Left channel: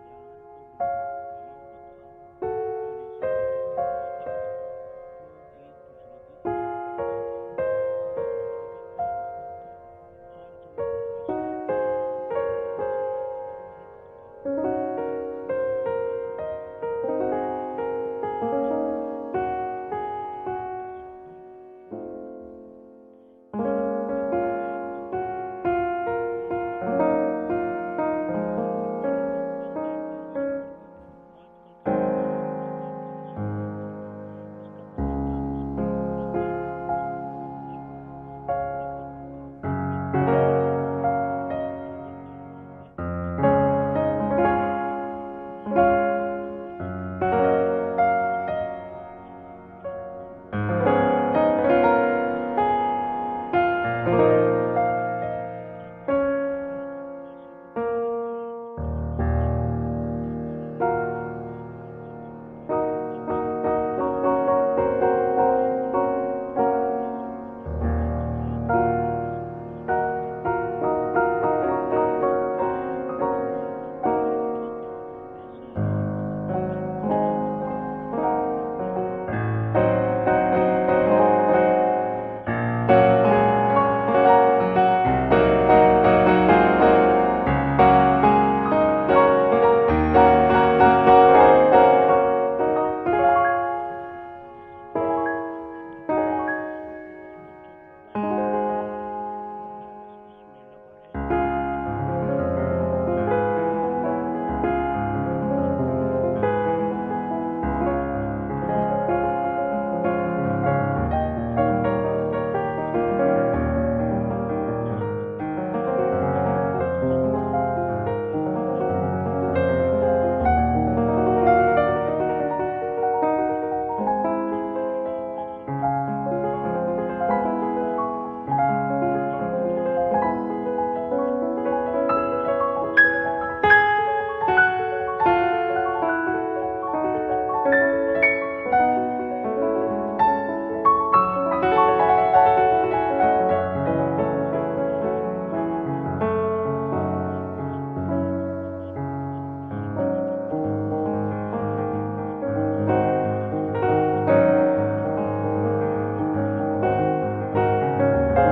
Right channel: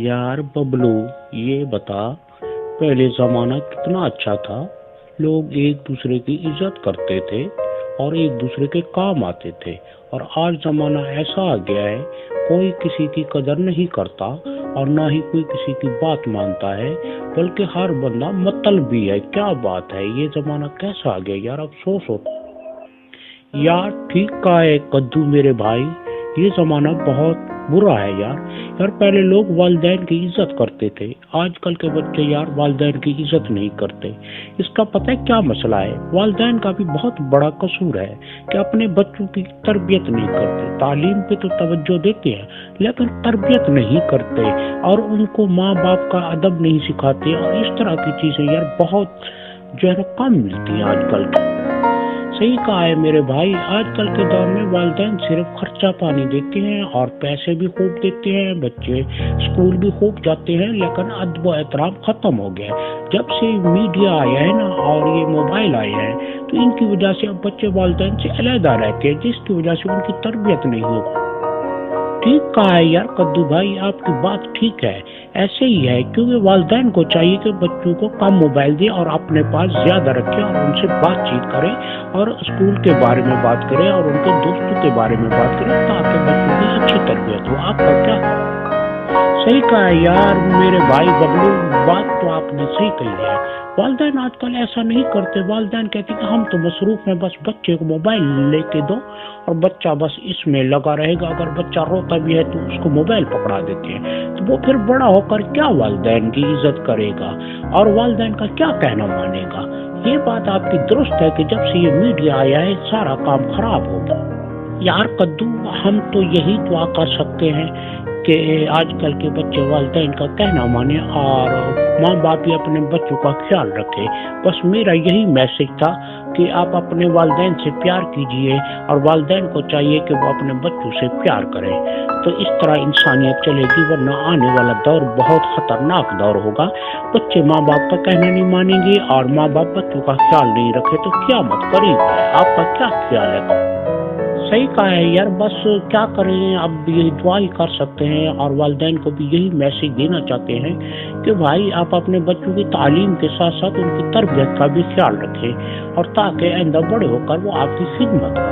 यार बबलू, ये बता, पहले जमाना कितना अच्छा था। लोग एक दूसरे की इज्जत करते थे और एक दूसरे के काम आते थे। और आज जमाना ऐसा आ गया है, कोई किसी की कदर नहीं करता और ना ही कोई किसी की बात मानता है, बल्कि हर बंदा मतलबी है। क्या बात है, ये जमाना कैसा आ गया यार, अफसोस होता है। यार ठीक कहा है कद्दू मेरे भाई, ये जमाना बहुत बुरा है यार। यार पहले लोग वालिदैन की इज्जत करते थे, आजकल के बच्चे यार वालिदैन की इज्जत नहीं करते। इसका पता है क्या मसला है? वालिदैन का भी बहुत बड़ा कसूर है कि अपने बच्चों की तरबियत नहीं करते। तालीम पे तो तवज्जो देते हैं लेकिन तरबियत नहीं करते और उनको माँ बाप का अदब नहीं सिखाते, और इस तरह की चीजें यार बहुत जो है ना कम मिलती है आजकल। सही कहा है मेरे भाई, आजकल के दौर में वालिदैन सिर्फ खर्चा पानी देते हैं और पैसे भी खूब देते हैं, बच्चे स्कूल भी खूब जाते हैं, लेकिन अदब व एहतराम खत्म हो गया है। जब से मीडिया आया है ना और ये मोबाइल आए हैं, तो इनकी वजह से अब बच्चे वालिदैन से अलहदा रहते हैं, जिसकी वजह से उनकी तरबियत नहीं हो। ठीक कहा है यार कद्दू भाई, आपकी बात ठीक है। ऐसे ही है, क्योंकि वालिदैन को चाहिए कि बच्चों को कम मोबाइल दे और अपने पास ज्यादा रखे और उनसे बातचीत करे और स्कूल के बारे में बात करे और उनके दोस्तों के बारे में बात करे, ताकि बच्चों की अच्छी तरबियत हो। आपका क्या? सही कहा है यार मेरे भाई बबलू, बात तो आपने सही कही है। वालिदैन आजकल ऐसा नहीं करते, वालिदैन कहते कि हम तो मसरूफ हैं, बस बच्चे को मोबाइल लेके दो और बच्चा बस इसमें लगा रहेगा। अगर बच्चा रोता भी है तो उसको मोबाइल पकड़ा देते हैं, तो वो फिर बड़ा होकर क्या वालिदैन की इज्जत करेगा और वालिदैन का क्या कहना मानेगा? ये बात आपकी दुरुस्त है कि जब से ये मीडिया आया है सारा काम खराब हो गया। यार कद्दू, हम तो यही दुआ कर सकते हैं कि आजकल के बच्चे वालिदैन का कहना माने और माँ बाप भी अपने बच्चों का ख्याल रखे। बस मेरा यही मैसेज था कि आप अपने वालिदैन से प्यार कीजिए और वालिदैन को चाहिए कि वो अपने बच्चों से प्यार करें, तो इस तरह इंसानियत चलेगी। वरना आने वाला दौर बहुत खतरनाक दौर होगा। बच्चे माँ बाप का कहना नहीं मानेंगे और माँ बाप बच्चों का ख्याल नहीं रखे तो क़यामत करीब है। आपका क्या ख्याल है? सही कहा है यार, बस क्या करें, अब यही दुआ ही कर सकते हैं और वालिदैन को भी यही मैसेज देना चाहते हैं कि भाई आप अपने बच्चों की तालीम के साथ साथ उनकी तरबियत का भी ख्याल रखें और ताकि आइंदा बड़े होकर वो आपकी खिदमत करें।